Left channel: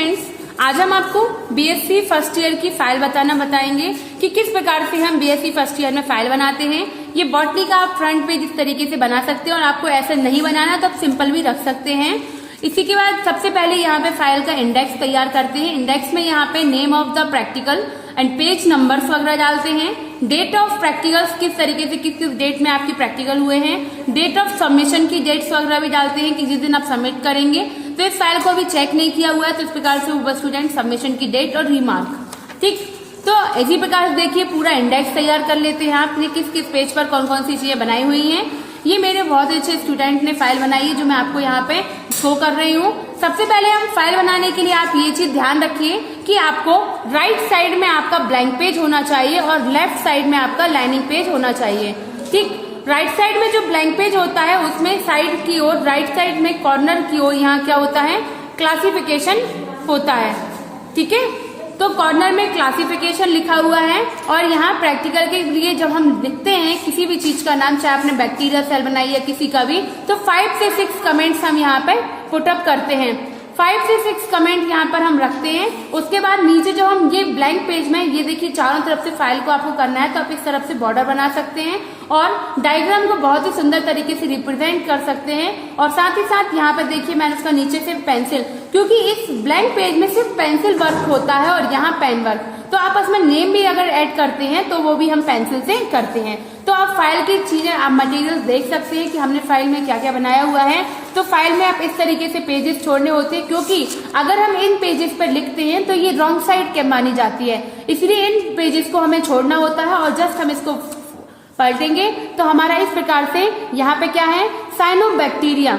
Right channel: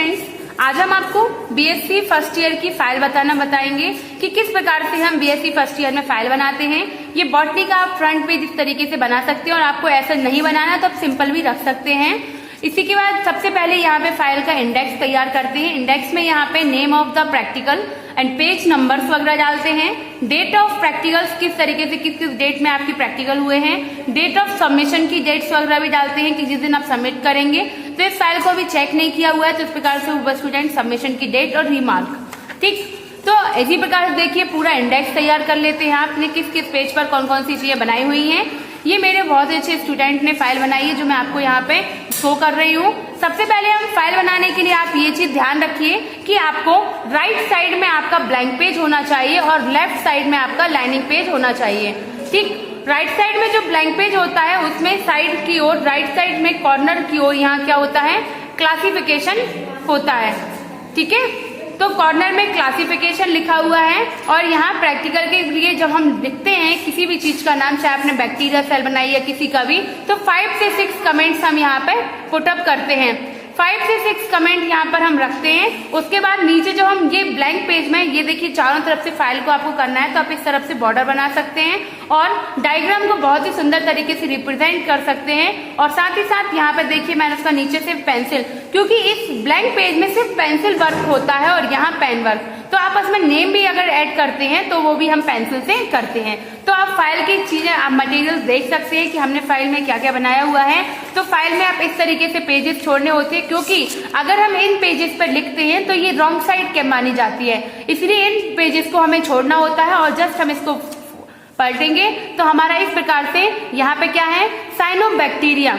Students, आज हम आपको बीएससी फर्स्ट ईयर की फाइल बताएंगे कि किस प्रकार से हम बीएससी फर्स्ट ईयर में फाइल बनाते हैं। ये बॉटनी का आप फ्रंट पेज इस तरीके से बना सकते हैं और आपको ऐसा नहीं बनाना तो आप सिंपल भी रख सकते हैं। इसी के बाद सबसे पहले यहाँ पे फाइल का इंडेक्स तैयार करते हैं। इंडेक्स में यहाँ पे name of the practical and page numbers वगैरह डालते हैं। डेट ऑफ प्रैक्टिकल्स किस तरीके से किस डेट में आपकी प्रैक्टिकल हुए हैं। डेट ऑफ सबमिशन की डेट्स वगैरह भी डालते हैं कि जिस दिन आप सबमिट करेंगे। तो इस फाइल को भी चेक नहीं किया हुआ है तो इस प्रकार से होगा स्टूडेंट सबमिशन की डेट और रिमार्क। ठीक, तो इसी प्रकार से देखिए पूरा इंडेक्स तैयार कर लेते हैं। आपने किस किस पेज पर कौन कौन सी चीजें बनाई हुई हैं। ये मेरे बहुत अच्छे स्टूडेंट ने फाइल बनाई है जो मैं आपको यहाँ पे शो कर रही हूँ। सबसे पहले हम फाइल बनाने के लिए आप ये चीज ध्यान रखिए कि आपको राइट साइड में आपका ब्लैंक पेज होना चाहिए और लेफ्ट साइड में आपका लाइनिंग पेज होना चाहिए। ठीक, राइट साइड में जो ब्लैंक पेज होता है उसमें साइड की ओर राइट साइड में कॉर्नर की ओर यहाँ क्या होता है, क्लासिफिकेशन होता है। ठीक है, तो कॉर्नर में क्लासिफिकेशन लिखा हुआ है और यहाँ प्रैक्टिकल के लिए जब हम लिखते हैं किसी भी चीज का नाम, चाहे आपने बैक्टीरिया सेल बनाई है किसी का भी, तो 5 से 6 कमेंट्स हम यहाँ पे पुटअप करते हैं। 5 से 6 कमेंट यहाँ पर हम रखते हैं। उसके बाद नीचे जो हम ये ब्लैंक पेज में ये देखिए चारों तरफ से फाइल को आपको करना है तो आप इस तरफ से बॉर्डर बना सकते हैं और डायग्राम को बहुत ही सुंदर तरीके से रिप्रेजेंट कर सकते हैं। और साथ ही साथ यहाँ पर देखिए मैंने उसका नीचे से पेंसिल, क्योंकि इस ब्लैंक पेज में सिर्फ पेंसिल वर्क होता है और यहाँ पेन वर्क, तो आप उसमें नेम भी अगर ऐड करते हैं तो वो भी हम पेंसिल से करते हैं। तो आप फाइल की चीजें आप मटेरियल देख सकते हैं कि हमने फाइल में क्या क्या बनाया हुआ है। तो फाइल में आप इस तरीके से पेजेस छोड़ने होते हैं क्योंकि अगर हम इन पेजेस पर लिखते हैं तो ये रॉन्ग साइड के मानी जाती है, इसलिए इन पेजेस को हमें छोड़ना होता है और जस्ट हम इसको पलटेंगे तो हमारा इस प्रकार से यहाँ पे क्या है, साइनोबैक्टीरिया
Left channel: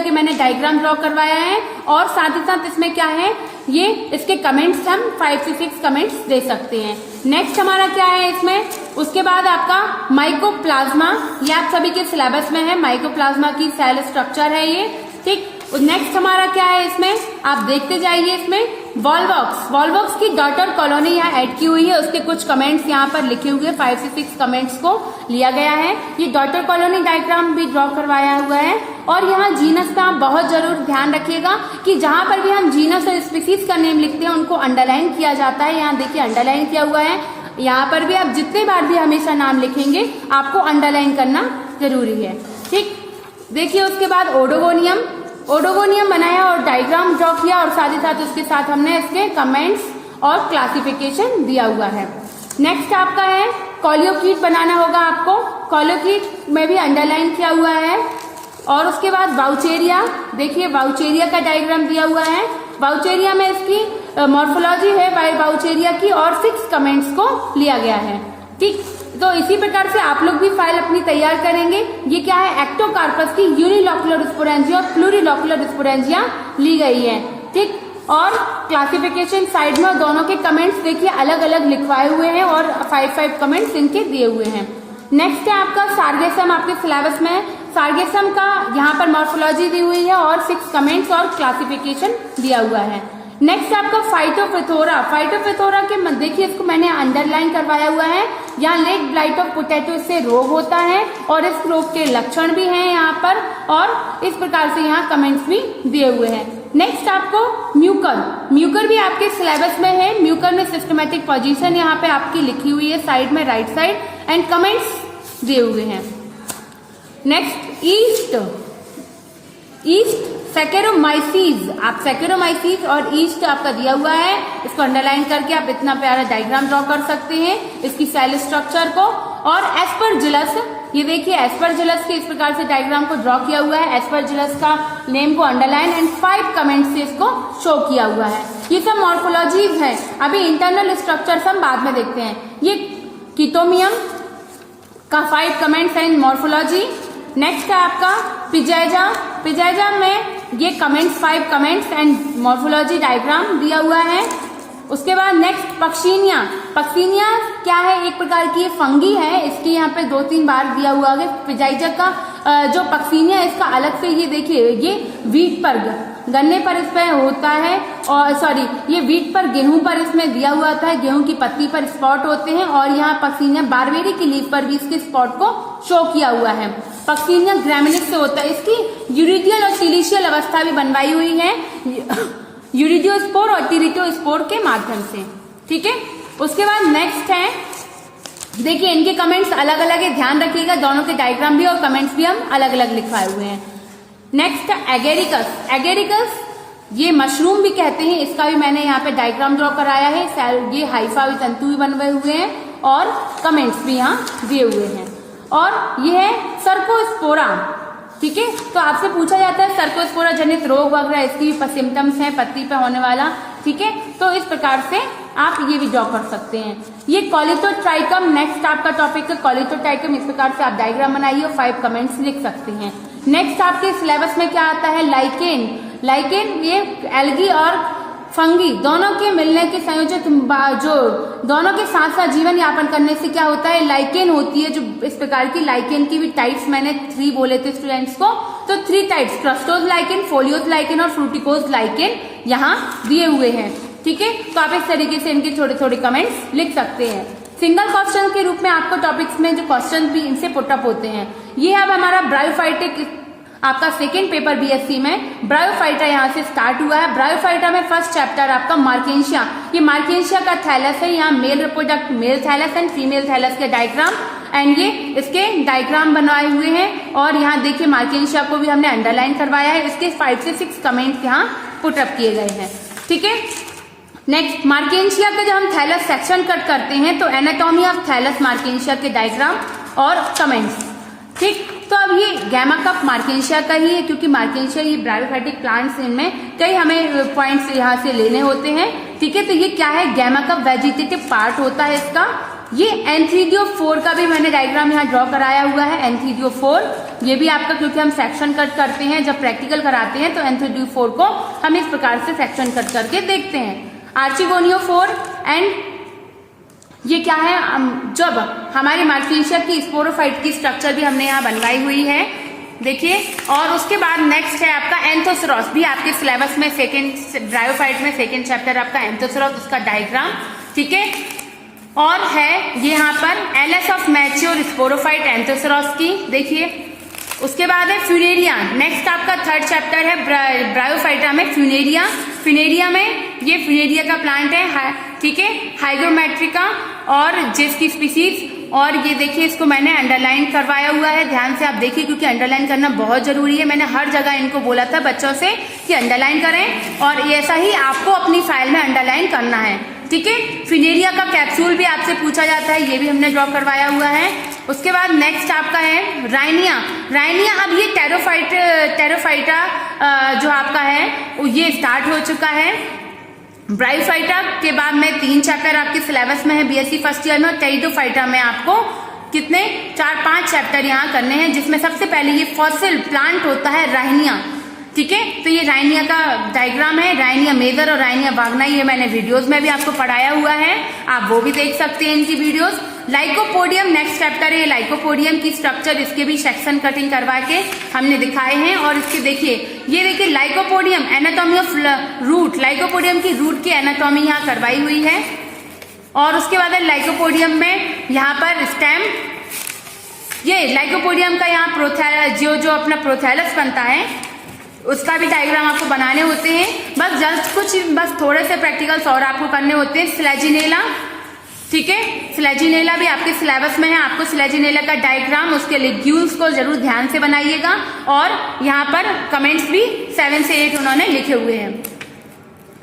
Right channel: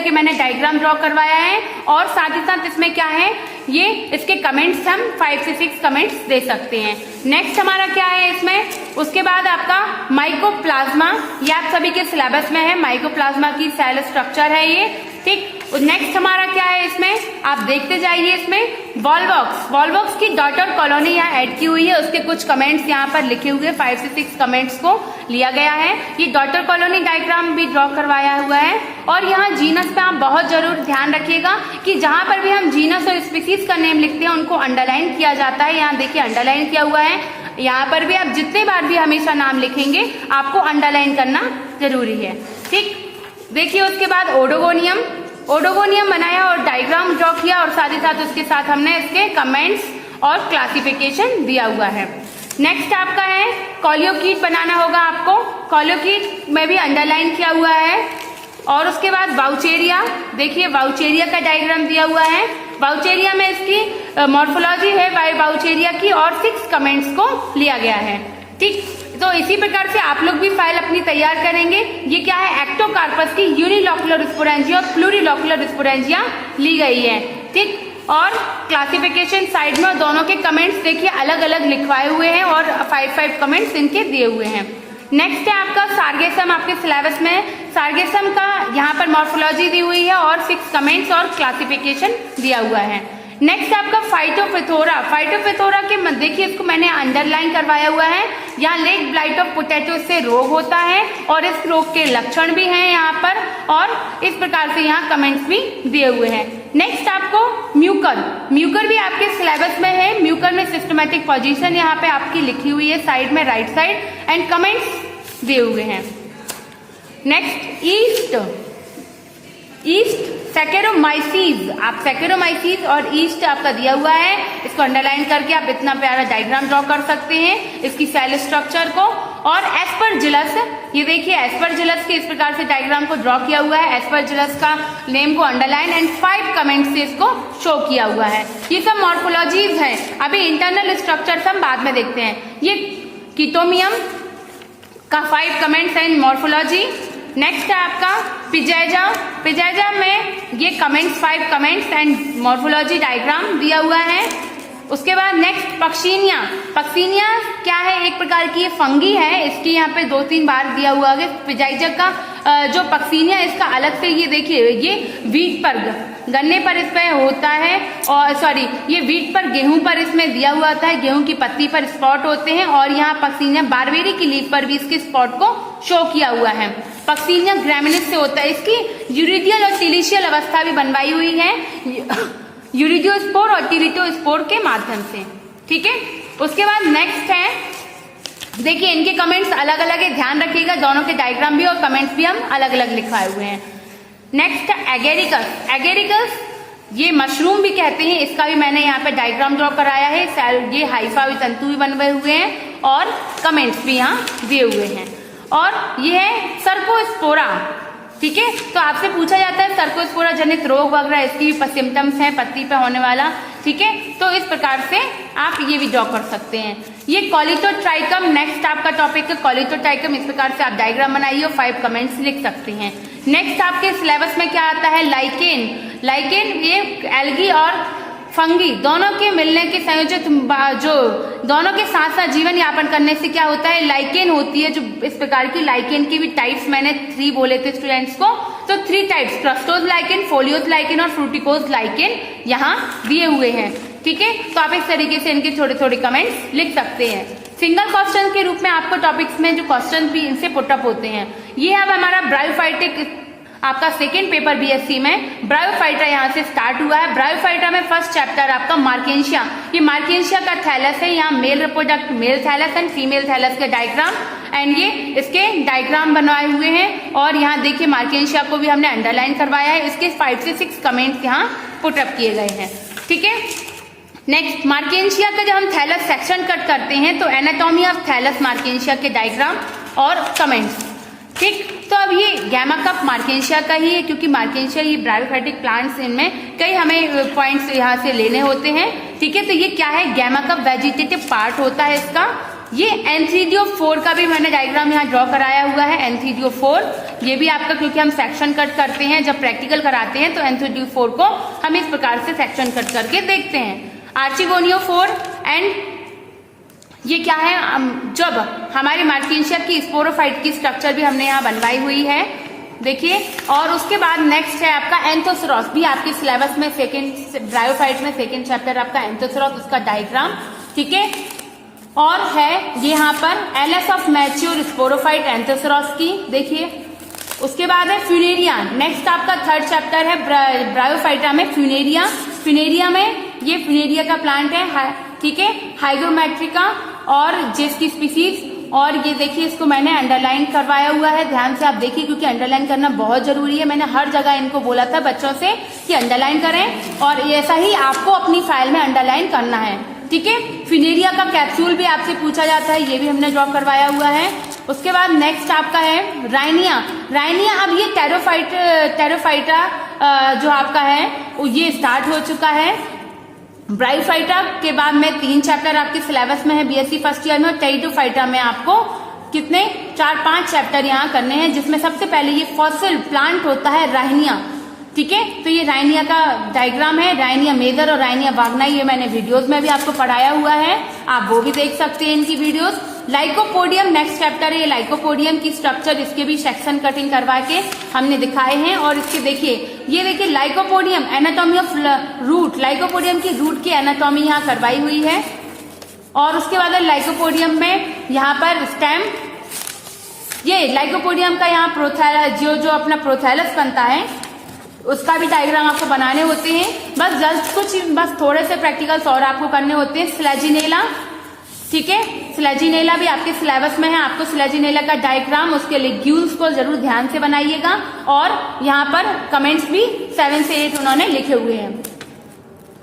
के मैंने डायग्राम ड्रॉ करवाया है और साथ ही साथ इसमें क्या है, ये इसके कमेंट्स हम 5 से 6 कमेंट्स दे सकते हैं। नेक्स्ट हमारा क्या है इसमें, उसके बाद आपका माइकोप्लाज्मा, ये आप सभी के सिलेबस में है, माइकोप्लाज्मा की सेल स्ट्रक्चर है ये। ठीक, तो नेक्स्ट हमारा क्या है इसमें, आप देखते जाइए इसमें वॉलवॉक्स की डॉटर कॉलोनी यहाँ ऐड की हुई है, उसके कुछ कमेंट्स यहाँ पर लिखे हुए 5 से 6 कमेंट्स को लिया गया है। ये डॉटर कॉलोनी डायग्राम भी ड्रॉ करवाया हुआ है। और यहाँ जीनस पे आप बहुत जरूर ध्यान रखिएगा कि जहां पर भी हम जीनस और स्पीसीज का नेम लिखते हैं उनको अंडरलाइन किया जाता है। यहाँ देखिए अंडरलाइन किया हुआ है। यहाँ पर भी आप जितने बार भी हमेशा नाम लिखेंगे आपको अंडरलाइन करना जरूरी है। ठीक, देखिए उसके बाद ओडोगोनियम बनाया और डायग्राम ड्रॉ किया और साथ ही साथ उसके साथ हमने इसके कमेंट्स और क्लासिफिकेशन दिया हुआ है। नेक्स्ट आपका है कॉलियोकीट बनाना होगा आपको, कॉलियोकीट में भी अंडरलाइन किया हुआ है। और उसके बाद वाउचेरिया, देखिए वाउचेरिया का डायग्राम दिया हुआ है। वाउचेरिया में इसकी मॉर्फोलॉजी है वाउचेरिया की और 6 कमेंट्स को लिया गया है। ठीक, तो इसी प्रकार से आप लोग भी फाइल अपनी तैयार करेंगे। ये क्या है, एक्टोकार्पस की यूनिलॉकुलर स्पोरेंजिया और प्लूरिलॉकुलर स्पोरेंजिया ली गई है। ठीक, और क्लासिफिकेशन साइड में दोनों के कमेंट्स देखिए अलग अलग लिखवाए हुए हैं और 5 कमेंट्स इनके दिए हुए हैं। नेक्स्ट है आपका सार्गेसम, आपके सिलेबस में सार्गेसम का यहाँ पर मॉर्फोलॉजी दी हुई है और 6 कमेंट्स और क्लासिफिकेशन दिया हुआ है। नेक्स्ट आपका फाइटोफिथोरा के देखिए इसको मैंने अंडरलाइन करवाया हुआ है। यहाँ लेग ब्लाइट ऑफ पोटैटो से रोग होता है और इस रोग के लक्षण भी हैं यहाँ पर और इस प्रकार से यहाँ कमेंट्स भी दिए हुए हैं। नेक्स्ट आपको म्यूकर भी आपके सिलेबस में है। म्यूकर में सिस्टमैटिक पोजीशन यहाँ पे आपकी लिखी हुई है साइड में, राइट साइड, एंड कमेंट्स दिए हुए हैं। नेक्स्ट ईस्ट सैकेरोमाइसीज, आप सैकेरोमाइसीज और ईस्ट आपका दिया हुआ है। इसको अंडरलाइन करके आप इतना प्यारा डायग्राम ड्रॉ कर सकते हैं इसकी सेल स्ट्रक्चर को। और एस्परजिलस, ये देखिए एस्परजिलस के इस प्रकार से डायग्राम को ड्रॉ किया हुआ है। एस्परजिलस का नेम को अंडरलाइन एंड 5 कमेंट से इसको शो किया हुआ है। ये सब मॉर्फोलॉजीज है, अभी इंटरनल स्ट्रक्चर हम बाद में देखते हैं। ये कीटोमियम का 5 कमेंट्स एंड मॉर्फोलॉजी। नेक्स्ट है आपका पिजैजा में ये comments 5 comments and morphology diagram दिया हुआ है। उसके बाद नेक्स्ट पक्सीनिया क्या है, एक प्रकार की ये फंगी है। इसकी यहाँ पे 2-3 बार दिया हुआ है। पिजैजा का जो पक्सीनिया इसका अलग से ये देखिए ये वीट पर गन्ने पर इस पे होता है और ये वीट पर गेहूं पर इसमें दिया हुआ होता है। गेहूं की पत्ती पर स्पॉट होते हैं और यहाँ पक्सीनिया बारबेरी की लीफ पर भी इसके स्पॉट को शो किया हुआ है। पक्सीनिया ग्रैमिनिस से होता है। इसकी यूरिडियल और सिलिशियल अवस्था भी बनवाई हुई है। यूरिजियोस्पोर और टीरिटोस्पोर के माध्यम से। ठीक है, उसके बाद नेक्स्ट है, देखिए इनके कमेंट्स अलग अलग है, ध्यान रखिएगा, दोनों के डायग्राम भी और कमेंट्स भी हम अलग अलग लिखाए हुए हैं। Next agaricus. एगेरिकस ये मशरूम भी कहते हैं, इसका भी मैंने यहाँ पे डायग्राम ड्रॉ कराया है। ये हाइफा तंतु भी बने हुए हैं और कमेंट्स भी यहाँ दिए हुए हैं। और ये है सर्कोस्पोरा। ठीक है, तो आपसे पूछा जाता है सर्कोस्पोरा जनित रोग वगैरह, इसकी सिम्टम्स हैं पत्ती पे होने वाला। ठीक है, तो इस प्रकार से आप ये भी ड्रॉ कर सकते हैं। ये कॉलिटोट्राइकम, नेक्स्ट आपका टॉपिक है कॉलिटोट्राइकम। इस प्रकार से आप डायग्राम बनाइए और 5 कमेंट्स लिख सकते हैं। नेक्स्ट आपके सिलेबस में क्या आता है, लाइकेन। लाइकेन ये एल्गी और फंगी दोनों के मिलने के संयोजक, जो दोनों के साथ साथ जीवन यापन करने से क्या होता है, लाइकेन होती है। जो इस प्रकार की लाइकेन की भी टाइप्स मैंने 3 बोले थे स्टूडेंट्स को, तो 3 types, crustose lichen, folios lichen और फ्रूटिकोज लाइकेन यहाँ दिए हुए हैं। ठीक है, तो आप इस तरीके से इनके थोड़े थोड़े कमेंट्स लिख सकते हैं। सिंगल क्वेश्चन के रूप में आपको टॉपिक्स में जो क्वेश्चन भी इनसे पुटअप होते हैं। ये अब हमारा ब्रायोफाइटिक आपका सेकेंड पेपर बीएससी में ब्रायोफाइटा यहाँ से स्टार्ट हुआ है। ब्रायोफाइटा में फर्स्ट चैप्टर आपका मार्केंशिया। ये मार्केंशिया का थैलस है, यहाँ male reproduct male thallus and female thallus के डायग्राम एंड ये इसके डायग्राम बनाए हुए हैं। और यहाँ देखिए मार्केंशिया को भी हमने अंडरलाइन करवाया है। इसके 5 से 6 कमेंट्स यहाँ पुटअप किए गए हैं। ठीक है, नेक्स्ट मार्केंशिया का जब हम थैलस सेक्शन कट करते हैं तो एनाटॉमी ऑफ थैलस मार्केंशिया के डायग्राम और कमेंट्स। ठीक, तो अब ये गैमा कप मार्केंशिया का ही है, क्योंकि मार्केंशिया ये ब्रायोफाइटिक प्लांट्स, इनमें कई हमें पॉइंट्स यहाँ से लेने होते हैं। ठीक है, तो ये क्या है, गैमा कप वेजिटेटिव पार्ट होता है इसका। ये एंथ्रीडियो4 का भी मैंने डायग्राम यहाँ ड्रॉ कराया हुआ है। एंथ्रीडियो4 ये भी आपका, क्योंकि हम सेक्शन कट करते हैं जब प्रैक्टिकल कराते हैं, तो एंथ्रीडियो4 को हम इस प्रकार से सेक्शन कट करके देखते हैं। आर्चिगोनियो4 एंड ये क्या है, जब हमारी मार्केंशिया की स्पोरोफाइट की स्ट्रक्चर भी हमने यहाँ बनवाई हुई है, देखिए। और उसके बाद नेक्स्ट है आपका एंथोसरॉस, भी आपके सिलेबस में सेकेंड ब्रायोफाइट में सेकेंड चैप्टर आपका एंथोसरॉस, उसका डायग्राम। ठीक है, और है ये यहाँ पर एलएस ऑफ मैच्योर स्पोरोफाइट एंथोसरॉस की, देखिए। उसके बाद है फ्यूनेरिया। नेक्स्ट आपका थर्ड चैप्टर है ब्रायोफाइटा में फ्यूनेरिया। फ्यूनेरिया में ये फ्यूनेरिया का प्लांट है, ठीक है, हाइग्रोमेट्रिका और जिसकी स्पीसीज। और ये देखिए, इसको मैंने अंडरलाइन करवाया हुआ है, ध्यान से आप देखिए, क्योंकि अंडरलाइन करना बहुत जरूरी है। मैंने हर जगह इनको बोला था बच्चों से कि अंडरलाइन करें, और ऐसा ही आपको अपनी फाइल में अंडरलाइन करना है। ठीक है, फिनेरिया का कैप्सूल भी आपसे पूछा जाता है, ये भी हमने ड्रॉ करवाया हुआ है। उसके बाद नेक्स्ट आपका है राइनिया। राइनिया अब ये टेरोफाइटा जो आपका है ये स्टार्ट हो चुका है। ब्रायोफाइटा के बाद में 3 चैप्टर आपके सिलेबस में है बीएससी फर्स्ट ईयर में। टेरिडोफाइटा में आपको कितने 4-5 चैप्टर यहाँ करने हैं, जिसमें सबसे पहले ये फॉसिल प्लांट होता है राइनिया। ठीक है, तो ये राइनिया का डायग्राम है, राइनिया मेजर और राइनिया वाग्नाई, ये मैंने वीडियोस में भी आपको पढ़ाया हुआ है, आप वो भी देख सकते हैं इनकी वीडियोस। लाइकोपोडियम नेक्स्ट चैप्टर है, ये लाइकोपोडियम की स्ट्रक्चर, इसके भी सेक्शन कटिंग करवा के हमने दिखाए हैं। और इसके देखिए, ये देखिए lycopodium anatomy of root, lycopodium की रूट की एनाटॉमी यहाँ करवाई हुई है। और उसके बाद लाइकोपोडियम में यहाँ पर स्टेम, ये लाइकोपोडियम का यहाँ प्रोथैलस, जो अपना प्रोथैलस बनता है उसका भी डायग्राम आपको बनाने होते हैं। बस थोड़े से प्रैक्टिकल्स और आपको करने होते हैं। फ्लैजिनेला, ठीक है, फ्लैजिनेला भी आपके सिलेबस में है, आपको फ्लैजिनेला का डायग्राम, उसके लिग्यूल्स को जरूर ध्यान से बनाइएगा। और यहाँ पर कमेंट्स भी 7 से 8 उन्होंने लिखे हुए हैं।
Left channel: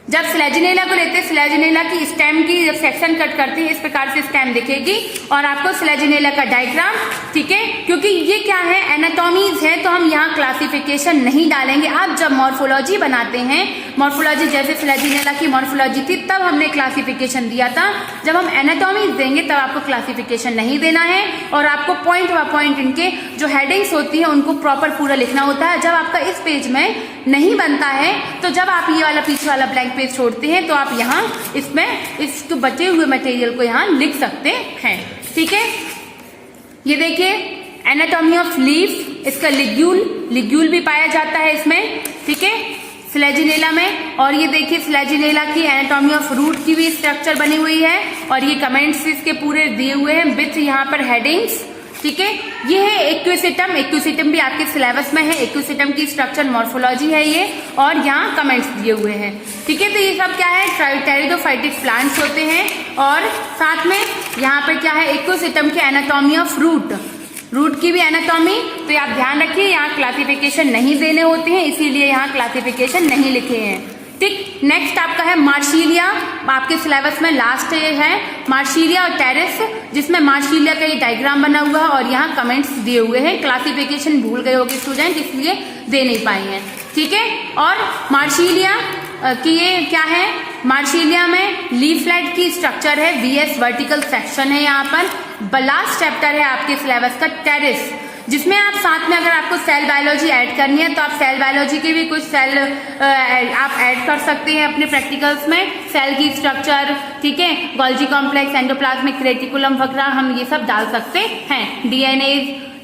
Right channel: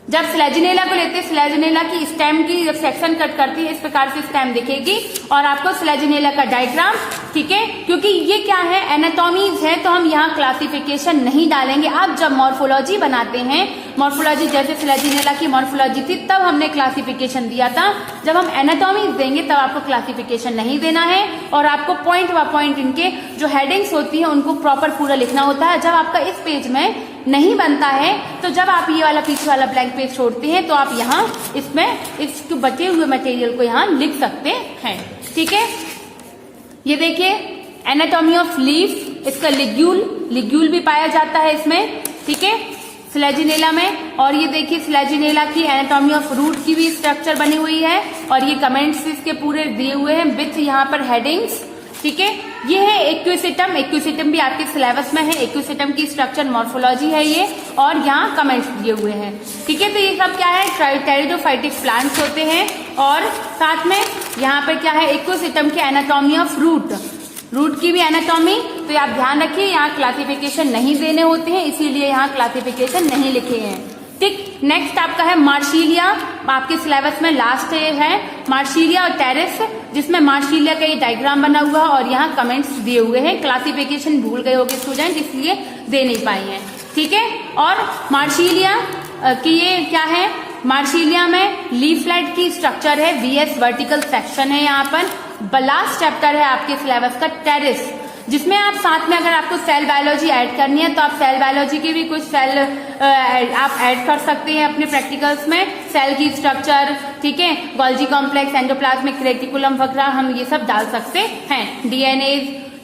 जब फ्लैजिनेला को लेते हैं, फ्लैजिनेला की स्टेम की जब सेक्शन कट करते हैं, इस प्रकार से स्टेम दिखेगी और आपको फ्लैजिनेला का डायग्राम, ठीक है, क्योंकि ये क्या है एनाटॉमीज है, तो हम यहाँ क्लासिफिकेशन नहीं डालेंगे। आप जब मॉर्फोलॉजी बनाते हैं, मॉर्फोलॉजी जैसे फ्लैजिनेला की मॉर्फोलॉजी थी तब हमने क्लासिफिकेशन दिया था, जब हम एनाटॉमीज देंगे तब आपको क्लासिफिकेशन नहीं देना है। और आपको पॉइंट बाय पॉइंट इनके जो हेडिंग्स होती है उनको प्रॉपर पूरा लिखना होता है। जब आपका इस पेज में नहीं बनता है, तो जब आप ये वाला पीछे वाला ब्लैंक पेज छोड़ते हैं, तो आप यहाँ इसमें इस बचे हुए मटेरियल को यहाँ लिख सकते हैं। ठीक है, ये देखिए एनाटॉमी ऑफ लीफ, इसका लिग्यूल भी पाया जाता है इसमें, ठीक है, फ्लैजिनेला में। और ये देखिए फ्लैजिनेला की एनाटॉमी ऑफ रूट की भी स्ट्रक्चर बनी हुई है, और ये कमेंट्स इसके पूरे दिए हुए हैं विथ यहाँ पर हेडिंग्स। ठीक है। ये है इक्विसिटम, इक्विसिटम भी आपके सिलेबस में है। इक्विसिटम की स्ट्रक्चर मॉर्फोलॉजी है ये, और यहाँ कमेंट्स दिए हुए हैं, ठीक है। तो ये सब क्या है, टेरिडोफाइटिक प्लांट्स होते हैं। और साथ में यहाँ पे क्या है, इक्विसिटम की एनाटॉमी ऑफ रूट, रूट की भी एनाटॉमी। तो आप ध्यान रखिए, यहाँ क्लासिफिकेशन नहीं देने होते हैं, इसीलिए यहाँ क्लासिफिकेशन नहीं लिखे हैं, ठीक। नेक्स्ट आपका है मार्शीलिया, आपके सिलेबस में लास्ट है मार्शीलिया और टेरिस, जिसमें मार्शीलिया का ये डायग्राम बना हुआ है और यहाँ कमेंट्स दिए हुए हैं। क्लासिफिकेशन भूल गए होंगे स्टूडेंट, इसलिए दे नहीं पाएंगे, ठीक है। और मार्शीलिया कि ये क्या है, मार्शीलिया में लीफलेट की स्ट्रक्चर है, VS वर्टिकल सेक्शन है यहाँ पर। लास्ट चैप्टर है आपके सिलेबस का टेरिस, जिसमें आप साथ में अगर आपको सेल बायोलॉजी ऐड करनी है तो आप सेल बायोलॉजी की भी कुछ सेल आप ऐड कर सकते हैं अपने प्रैक्टिकल्स में। सेल की स्ट्रक्चर, ठीक है, गोल्जी कॉम्प्लेक्स, एंडोप्लाज्मिक रेटिकुलम वगैरह हम ये सब डाल सकते हैं, DNA,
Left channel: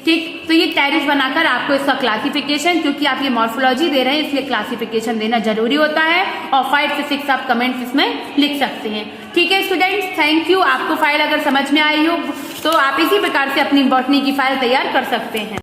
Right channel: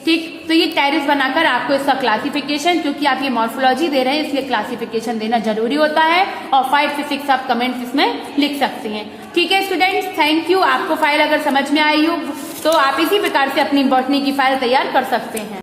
ठीक। तो ये टेरिस बनाकर आपको इसका क्लासिफिकेशन, क्योंकि आप ये मॉर्फोलॉजी दे रहे हैं इसलिए क्लासिफिकेशन देना जरूरी होता है, और 5 से 6 आप कमेंट्स इसमें लिख सकते हैं, ठीक है स्टूडेंट्स। Thank you. आपको फाइल अगर समझ में आई हो तो आप इसी प्रकार से अपनी बॉटनी की फाइल तैयार कर सकते हैं।